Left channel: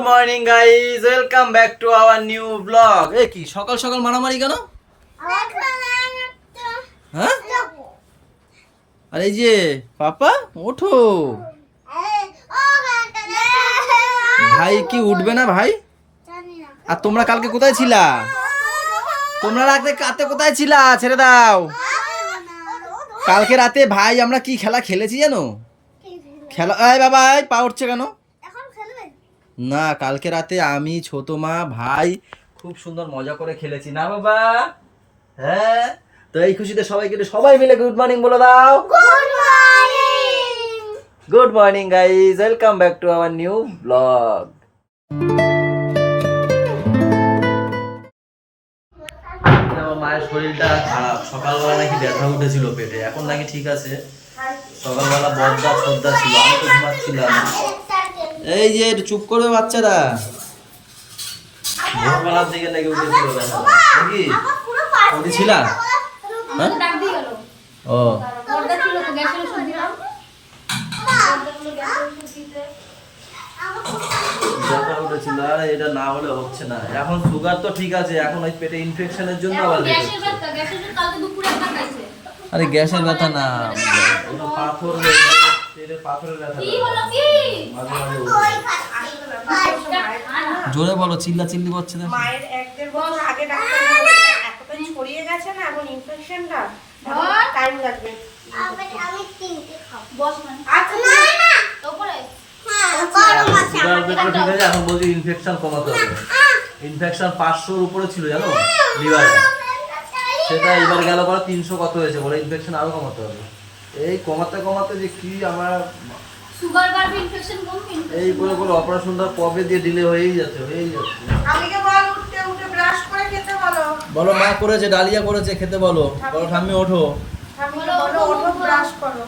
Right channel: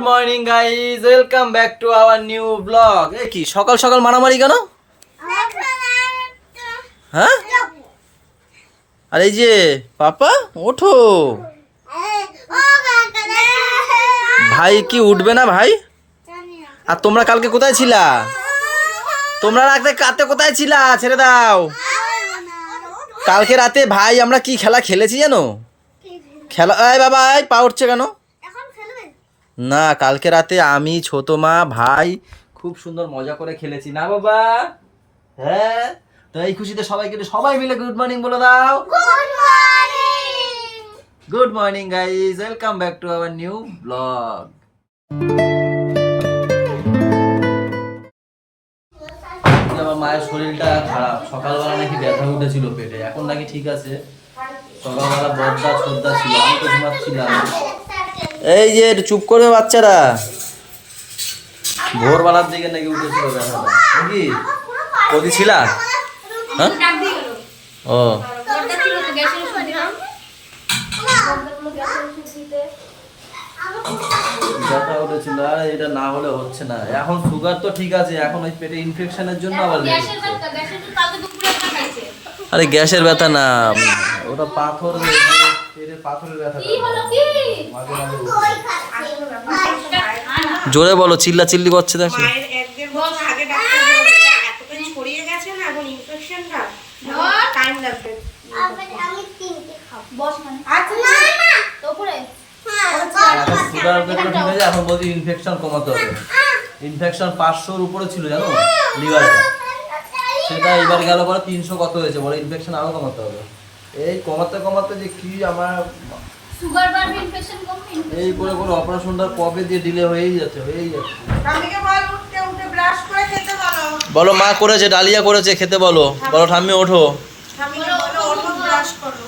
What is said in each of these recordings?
Good morning guys, welcome back to our new blog. এ কি সকাল সকাল মারামারি কেন? হ্যাঁ, আর এই যে পাপা ওঠো। ভাই কি উঠবে না ভাই? আর তোমরা কালকে কোথায় ছিলা? তোমরা রাতে কোথায় ছিলা? ছেড়ে দাও। কালকে রাতে ভাই আমরা কি খেলা খেলেছি জানো? খেলা এই বাবা, এই পা উঠছে কেন? না, কালকে রাতে আমি, ছোট মা, ভাই খুব সুন্দর মজা করে খেলেছি না বাবা? হ্যাঁ, তো এই খুশিতে সবাইকে সবাই মিলে গুড মর্নিং বলে দাও। Good morning guys, welcome back to our new blog. আমার মায়ের শরীরটা খারাপ, সকালবেলা নাকি ব্যথা উঠেছিল পেটে, এখন নাকি ঠিক আছে। সকালবেলা বদ্দা ছোদ্দা ছিল, আমি তো ঘুমাচ্ছিলাম। এই যে একটু চুপ করবে বাচ্চারা। ভোরবেলার দিকে নাকি উঠেছিল ব্যথাটা, নাকি ওদি ছিলা? হ্যাঁ, ও ব্যথা উঠেছিল, আর এটা না হলে হচ্ছে না। এখন সুগার তো ঠিক আছে, এখন ওই পেটে ইনফেকশনের জন্য আবার লেট হচ্ছে। আরে গ্যাসের ব্যথা না, ওটা পাথর, পেটে পাথরের ব্যথা। মাঝে মাঝে জোরে বলো, চিল্লা চিল্লি করছে। দেখো ঠিক আছে, এখন বলছি ইনফেকশন কমাতে হবে। ইনফেকশন 500-র উপরে ছিল জানো লিভারে, সেটা এবার গেল পরে 300 কত হয়েছে, বলে ইনফেকশন আরো কমাতে হবে। এই কমাতে কমাতে যে কি আমার সুগার বাড়বে, ইনফেকশন কমবে, এই করে করে অপারেশনটা কবে দিয়ে ডিলে হয়েই যাচ্ছে। ঠাম্মিকে বল উঠতে উঠে ব্রাশ করে খেতে বলো। বলো মা করেছে, ডালিয়া করেছে, খেতে বলো। বলো ঠাম্মি ওঠো, ঠাম্মিকে বলো ওঠো ব্রাশ করো।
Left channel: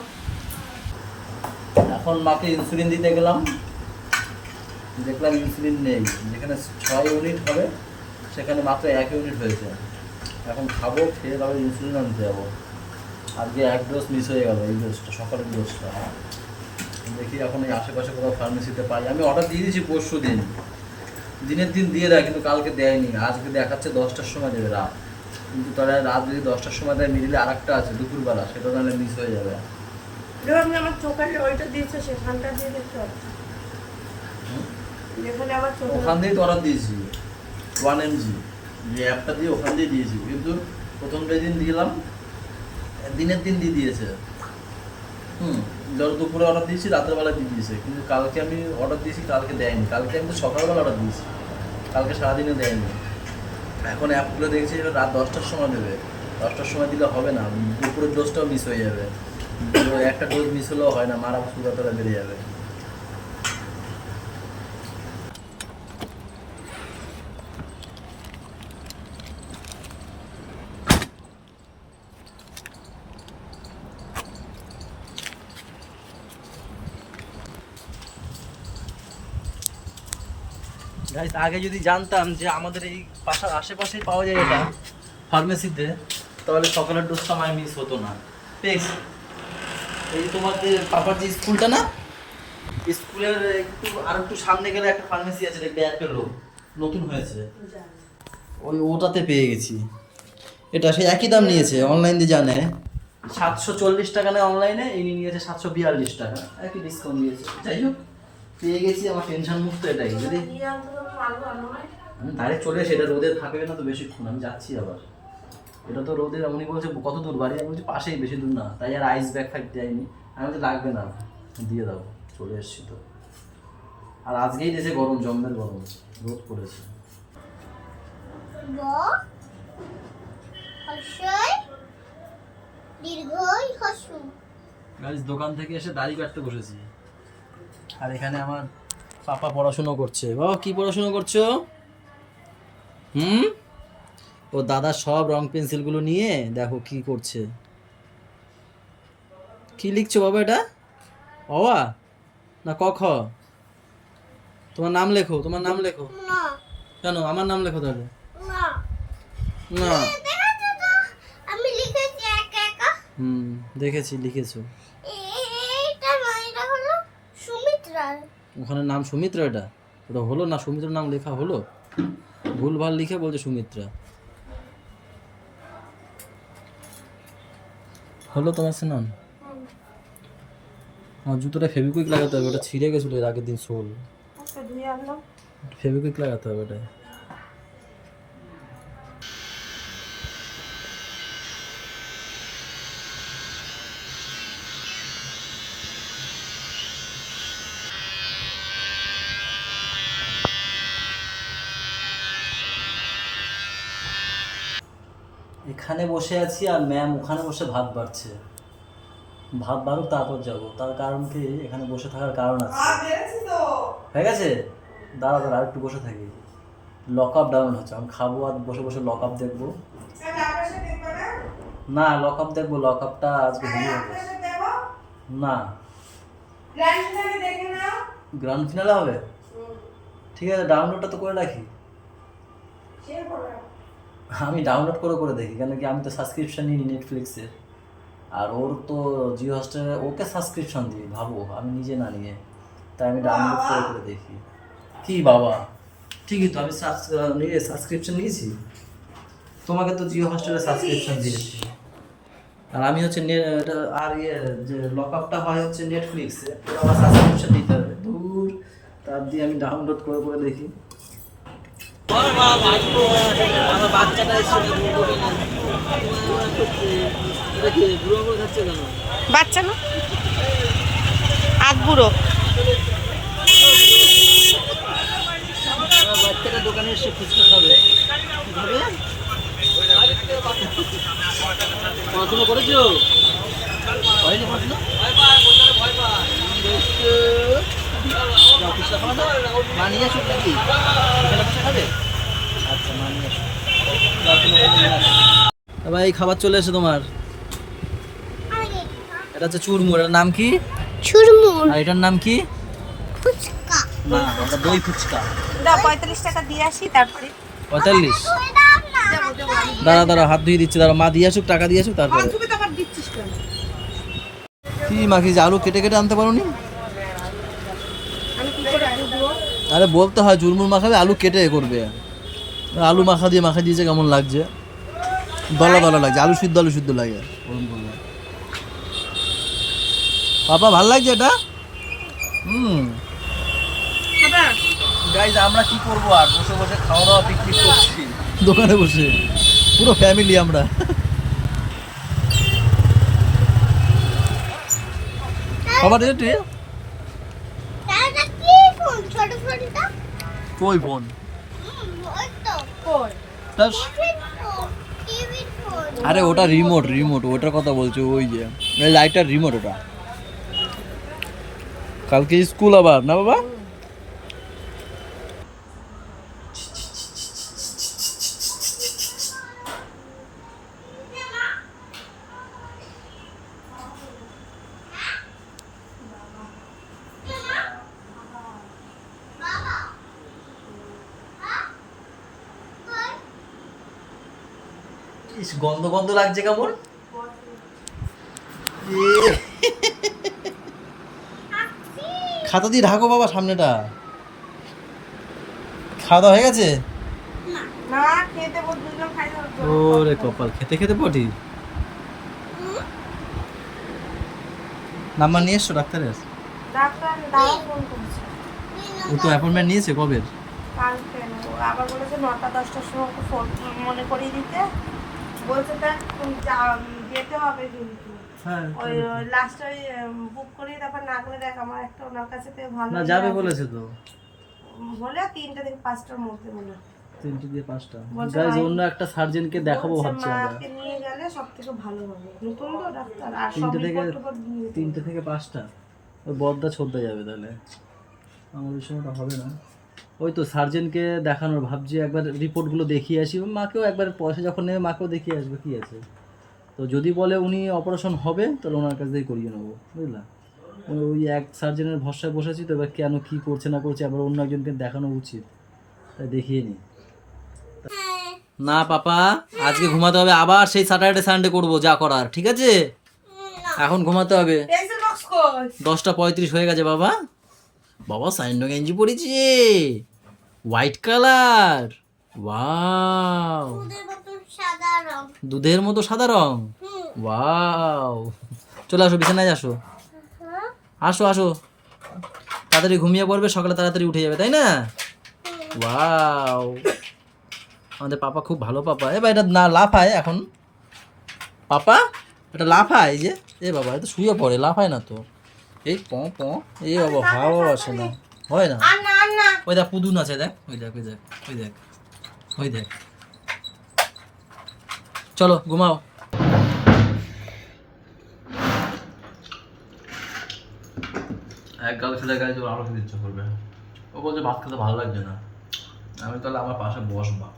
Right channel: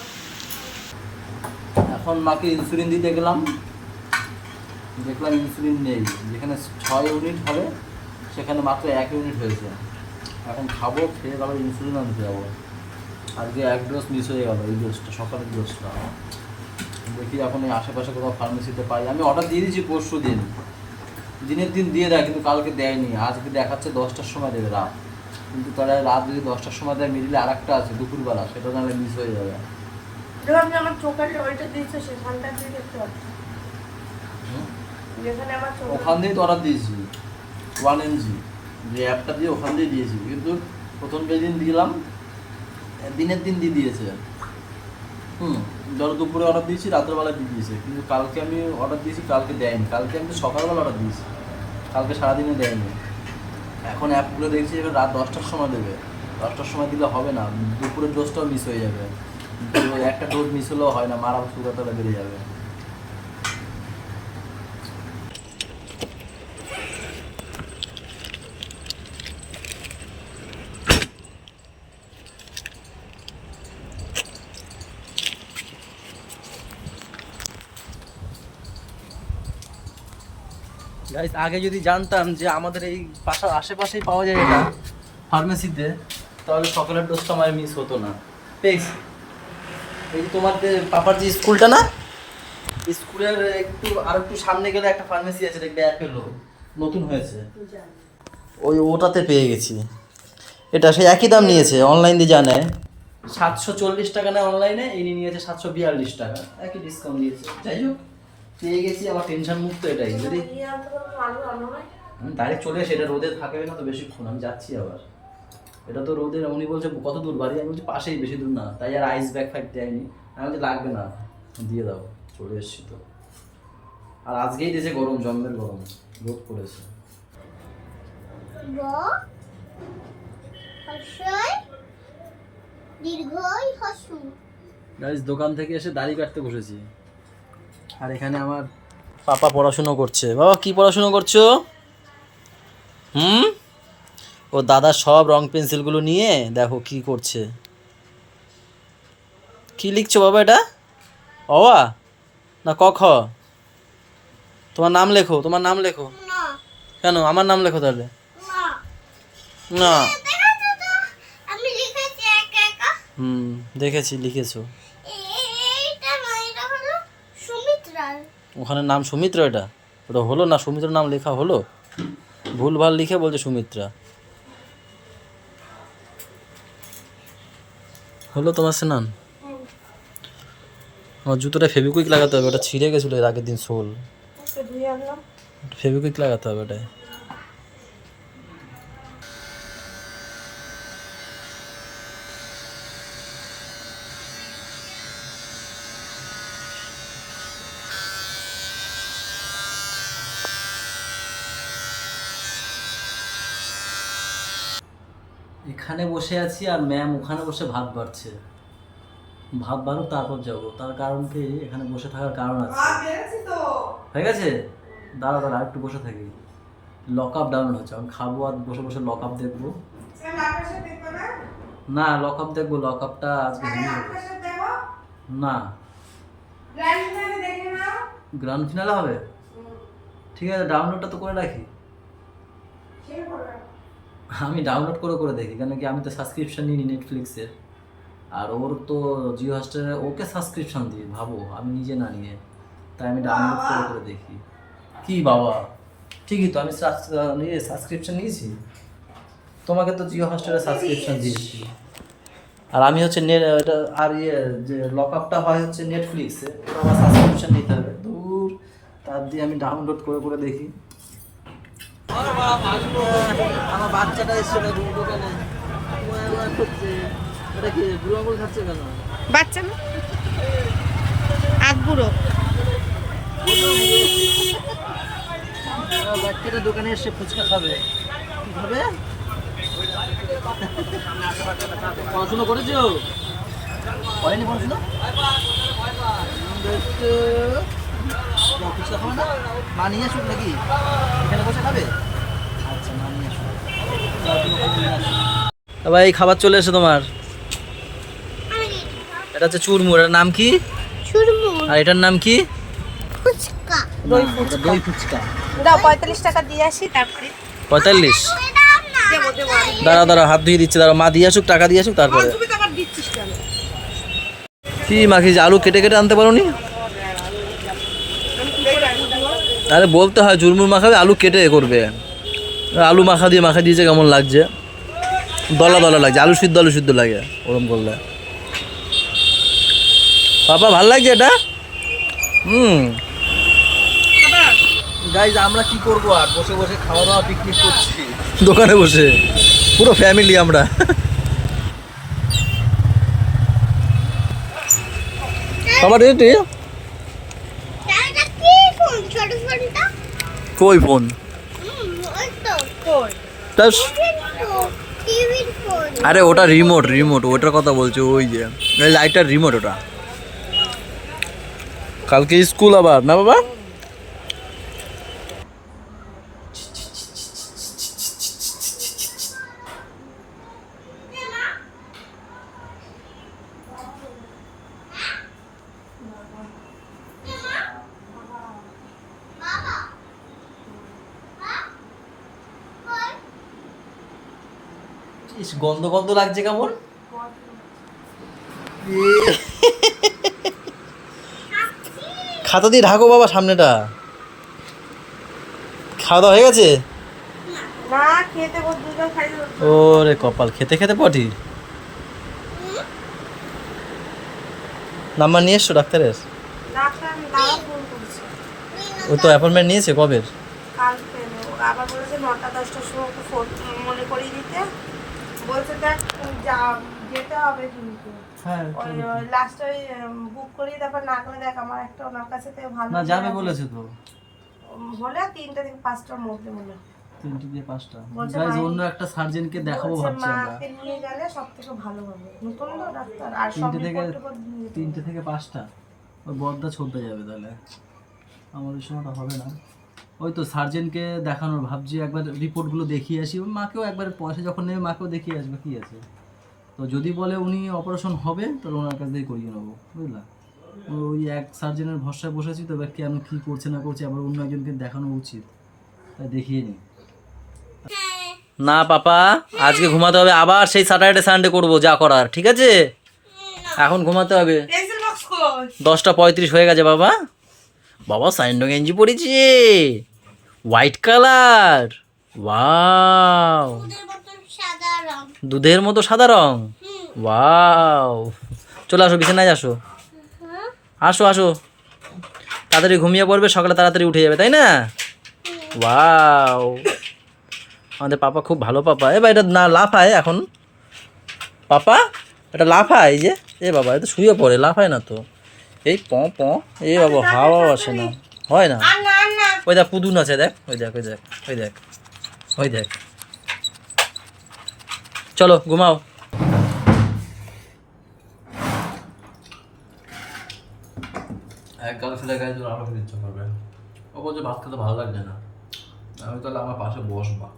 এখন মাকে ইনসুলিন দিতে গেলাম, দেখলাম ইনসুলিন নেই। যেখানে 6 ইউনিট হবে সেখানে মাত্র 1 ইউনিট হয়েছে। এখন খাবো, খেয়ে তারপর ইনসুলিন আনতে যাবো। আজকে 1 ডোজ মিস হয়ে গেল, এই ডোজটা, সকালের ডোজটা। দেখি এখন এই আশেপাশে কোথাও ফার্মেসিতে পাই। আমি অর্ডার দিয়ে দিয়েছি পরশু দিন, দিনের দিন দিয়ে দেয়, কিন্তু কালকে দেয়নি। আজকে দেখাচ্ছে 10টার সময় দেবে রাত, কিন্তু তারা রাত যদি 10টার সময় দেয়, মিডিলে আরেকটা আছে দুপুরবেলা, সেটা তাহলে মিস হয়ে যাবে। আমার চোখের ওইটা দিয়েছে, সেখানটা দিয়ে দেখতে হবে। যেখানে আমার চোখ, ওখান দিয়েই তো অর্ডার দিয়েছি 1mg, যে অ্যাপটা দিয়ে ওখান দিয়ে দিয়েছি। কিন্তু প্রথম যেদিন দিলাম, দিনের দিন দিয়ে দিয়েছে। ধরো দুপুরে অর্ডার দিয়েছি, রাতের বেলা দিয়ে দিয়েছে। কিন্তু কালকে আমি অর্ডার দিয়েছি, কালকে দেয়নি। কালকে আমি তো সকালবেলা অর্ডার দিয়েছি, কালকে সারাদিনে দেয়নি। এখন অ্যাপ খুলে দেখছি এবার রাত 10টার সময় দেবে। 10টার সময় দিলে হবে না, দুপুরের ডোজটাও মিস হয়ে যাবে। একটা ডোজ মিস হলেও হয় না, মারা সুগার তাহলে বেড়ে যাবে। গাইস, আগে যদি জানতাম যে আমাদের এই পাশার আশেপাশেই পাওয়া যায় এটা ফার্মেসিতে, তাহলে সকালের ডোজটা আমার মিস হতো না। এই তোমাদের পাপার যে স্কুলটা না, স্কুলের একটু সামনে গেলে একটা ফার্মেসি আছে, দেখবে অ্যাপেলো নতুন হয়েছে, ওটাতে পেয়ে গেছি। এটা সেই একই দাম নিয়েছে, অনলাইন দিয়ে জানে 740 টাকা নেয় অনলাইনে, এই নিয়েছে 742 টাকা, একই ডিসকাউন্ট দিয়েছে। যাই হোক, পেয়ে গেছি, আমার টেনশন মুক্ত এটাই। যদি আমি ডাইরেক্ট চলে আসি, এটা রোদে থাকবে না তো বেশিক্ষণ, আমি যাচ্ছি আবার। এটা তো রোদের, উনি বলছে কত দূর বাড়ি, আমি বলছি পাশেই, বেশি দূর না। তাই আর আইস ব্যাগ ফ্যাগ দেয়নি, আমি বলছি লাগবে না, দিয়ে দাও, চলে এসছি তো। আর আজকেই দেশে গরম, জম্মের গরম, রোদ পড়েছে। গাইস, দোকান থেকে এসে দাড়ি কাটতে বসেছি, আর এখানে আমার পাপা পড়াশুনো করছে। বাবা কি পড়াশুনো করছো? ও দাদা সব রং পেন্সিলগুলো নিয়ে দেখো কি করছে। কি লিখছো বাবা এটা? অওয়া না ক খ? তোমার নাম লেখো, তোমার নাম লেখো। কেন আমার নাম লেখো তাহলে? না, দেখেছি লিখেছো। ওখানে নাম সুমিত্রা, এটা ওটা হলো না, সুমিত্রার নাম লেখা হলো, ভুলভাল লিখে বলছে সুমিত্রা। হলো তোমার স্নান? আমার জুতোটা ফেভিকুইক লাগাতে হবে, ওটা ছিঁড়ে গেছিলো এর আগের দিন সোল, ধুয়ে আনলাম। ফেভিকুইক লাগাতে হবে ওটায়। এখানে বসে আছি আর ম্যাম ওখানে বসে ভাত বাড়ছে, ভাত বাড়ুক তারপর যাব। তার কারণ কি, এখানে বসে থাকার কারণ আছে। হয়ে গেছে, দাঁড়া দাঁড়া আর একটু বসে থাকি। লক আপ ডাউনলোড হচ্ছে, আমি খাবো আর বসে বসে লক আপ দেখবো। না লক আপ দেখবো, লক আপটা আজকে হেভি হবে। না গ্র্যান্ড ফিনালে হবে, ঠিক আছে ডাউনলোডটা তো করে রাখি। আমি ডাউনলোড করে করে দেখি, কেন কি আমি তো সাবস্ক্রিপশন নিই নেটফ্লিক্সের, আর ওর তো জিও হটস্টারে ওকে সাবস্ক্রিপশন দিই, ভাবো আমি নিজে না নিয়ে, তাই আমি ডাউনলোড করে করে দেখি। কি বাবা ঠিকই তো, আমি সাবস্ক্রিপশন নিয়েছি, তোমাকে তো জিও হটস্টারে সাবস্ক্রিপশন দিয়েছি, আর আমি হচ্ছে নেট এটা আর ইয়ে যে লক আপটা হয় হচ্ছে নেটফ্লিক্সে, ওটা আমার সাবস্ক্রিপশন নিতে হবে দূর, তার দিয়ে আমি ডাউনলোড করে করে দেখি। আমার বাচ্চাটা এসছে খাচ্ছে কেন? বাচ্চা না, আধ বুড়ো। আমার বাচ্চাটা দোকানে এসে ফুচকা খাবে, কি খাবে? পড়াশোনা করেছো? করেনি পড়াশোনা? যাও ফুচকা খাও না, মা নিয়ে আসুক নাকি? এখানে বসে খাবে? আচ্ছা মা নিয়ে আসুক। ভাই খাবার চলে এসে তোমার, এটা হচ্ছে চুরমুর, এটার নাম কি? চুরমুর আর এটার নাম কি? ফুচকা। না এটা দই ফুচকা। দাও 45 টাকা দিয়ে আসি, তারপরে 45? দেবো দেবো। দাঁড়া দাঁড়া হাত ধুয়ে দিচ্ছে, দাঁড়া মা দিয়ে আসুক, টাকা দিয়ে আসুক তারপরে। তুমি তো আবার দিচ্ছিস কেন? কি মাখি, আলু কেটে কেটে আনতে পারো নি? আমি কি করে আলু দেবো? আরে বলতে হয় চুরমুর মাখাবে, আলু কেটে করবে। আলু মাখা দিয়েছে কেমন লাগছে, দলা দলা লাগছে, আলু সিদ্ধ লাগে ওরম করলে। পাপা ভাল লাগছে এটা? খাবার গাইজ আমরা কি করবো আর, বসে বসে খাওয়া দাওয়া পিকনিক করছি দোকানে বসে, পুরো ফ্যামিলি আমরা। খাবার রেডি? এটা কি ফোন? ছোট ফোনটা? কই ফোন? ওই তো কই? টিভির ফোন। আরে ওটা রিমোট ওটার কথা বলছো, ওই যে লাইটার রিমোট ওটা। কালকে স্কুল আবার না বাবা? ইস, গন্ধ গন্ধ লাগছে কেমন। খাতা দিয়ে ঢাকো বাবা সামনেটা। খাওয়া দাওয়া হয়ে গেছে? না খেতে দুজন খাই দেবো। ওরে কপাল, খেতে খেতে পটি। নাম্বার নিয়ে এসছো ডাক্তারের? ডাক্তার আমি দাদা ফোন করেছি, ওই তো অ্যাপয়েন্টমেন্ট নিয়েছে কবের? কাল পেলো। আবার বলেছে 9টা 10টার সময় ওকে ফোন মনে করিয়ে দিতে বলছে। দেখ তুমি যেতে হবে কিন্তু হ্যাঁ ওই লাস্টে ওই বুক করিয়ে তারপর না করে দেখ আমার একটা ওনার কাছে থেকে ভালো না যাবে বলেছে তো, হলে 3টা থেকে 5টার মধ্যে বলে 3টে দিয়ে 5টা। বলছে গাইজ ভাই- অন্য একটা সার্জনকে দেখাবো বলছে ভাবছি আমরা। মাকে নিয়ে গেলে সব থেকে ভালো হবে, নতুন তো ডাক্তার আর সব 3টে থেকে report টিপোর্ট নিয়ে যেতে 3টে থেকে 5টা ওই বদ্দা ছোদ্দা যাবে তাহলে, আমার ওই সময়টা হবে না। ওই তো সার্জনকে দেখানোর ভাবছি, একবার রিপোর্টগুলো দেখিয়ে আসি, মাকেও একবার পয়সা যখন নেবে মাকেও দেখিয়ে আসবে কি আছে। তো যদি বলে উনি অপারেশন হবে তাহলে ওনার কাছ থেকে করিয়ে নেবো, বুঝলা। ওই এক সার্জনের ভরসায় বসেছি, তো এবার কেন কী করছে না করছে আবার অন্য একজনকে দেখানো উচিত, তাই দেখিয়ে নিই। না পাপা আজকে ঘুমাতে হবে, আবার সেই স্যাটারডে সানডে করবো যা করার, ঠিক আছে? এখন ঘুমাতে হবে। পেন্সিল বক্স কই? 10টা 35 হয়ে গেছে বাবা, বাবা স্যান্ডো গেঞ্জি পরেছে, হোয়াইট কালার। ওয়াও, ওদের মতো সাদা রং। দুধের মতো সাদা রং। হুম। ওয়াও, চলে আসো বিছানায় আসো, হ্যাঁ। আসো আসো, তাড়াতাড়ি ঘুমিয়ে পড়বে, সকালে তাড়াতাড়ি উঠে যাবে, তাই না? ওয়াও, আমাদের পাপা খুব ভালো পাপা। এবার এটা না লাফায় এখন পাপা, এটা লাফায় এই যে, এ বাবা এটা শুয়ে পড়ে, লাফায় না তো, এই প প, এ বাবা হাওয়া আসে না, হয় না। আর না আর না। ওই দেখ পুতুন আছে, দেখ ওই দেখ ওই দেখ ওই দেখ ওই দেখ। চলো ঘুমাও। এক গাল খেলে গায়ে জোর আরো খেতে ইচ্ছা করবে। ও বলছে ভাত খেতে ভালো লাগছে না। আমি তাহলে আমার পাশে বসবা,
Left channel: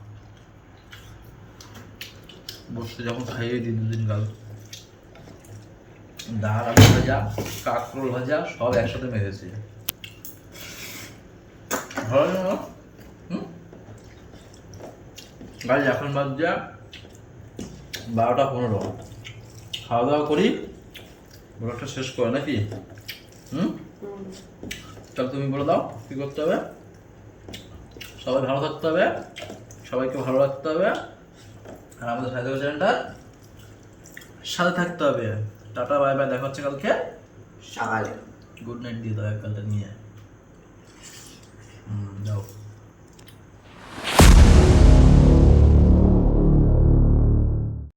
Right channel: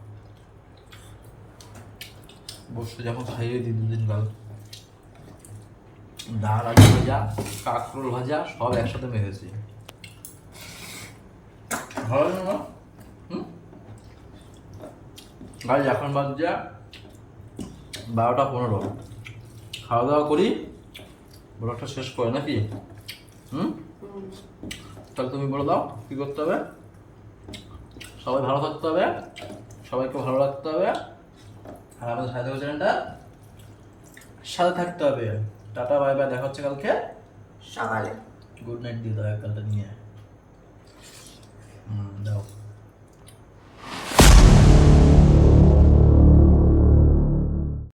বসতে যখন খাইয়ে দিই 2 দিন গাল, ডাল আলু ভাজা কাঁকরোল ভাজা সব একসাথে মেরেছি। ভালো লাগে না? গাড়ি এখন বাজছে 12টা 15, খাওয়া দাওয়া করি, ব্লগটা শেষ করে নাকি? তাহলে তুমি বলে দাও কী করতে হবে। সবাই ভালো থাকতে হবে, সবাইকে ভালো রাখতে হবে, আর আমাদের সাথে চ্যানেলটার সাথে থাকতে হবে। টাটা বাই বাই, দেখা হচ্ছে কালকে সকালে। গুড নাইট দিয়ে দাও এক গালটা নিয়ে, দাও।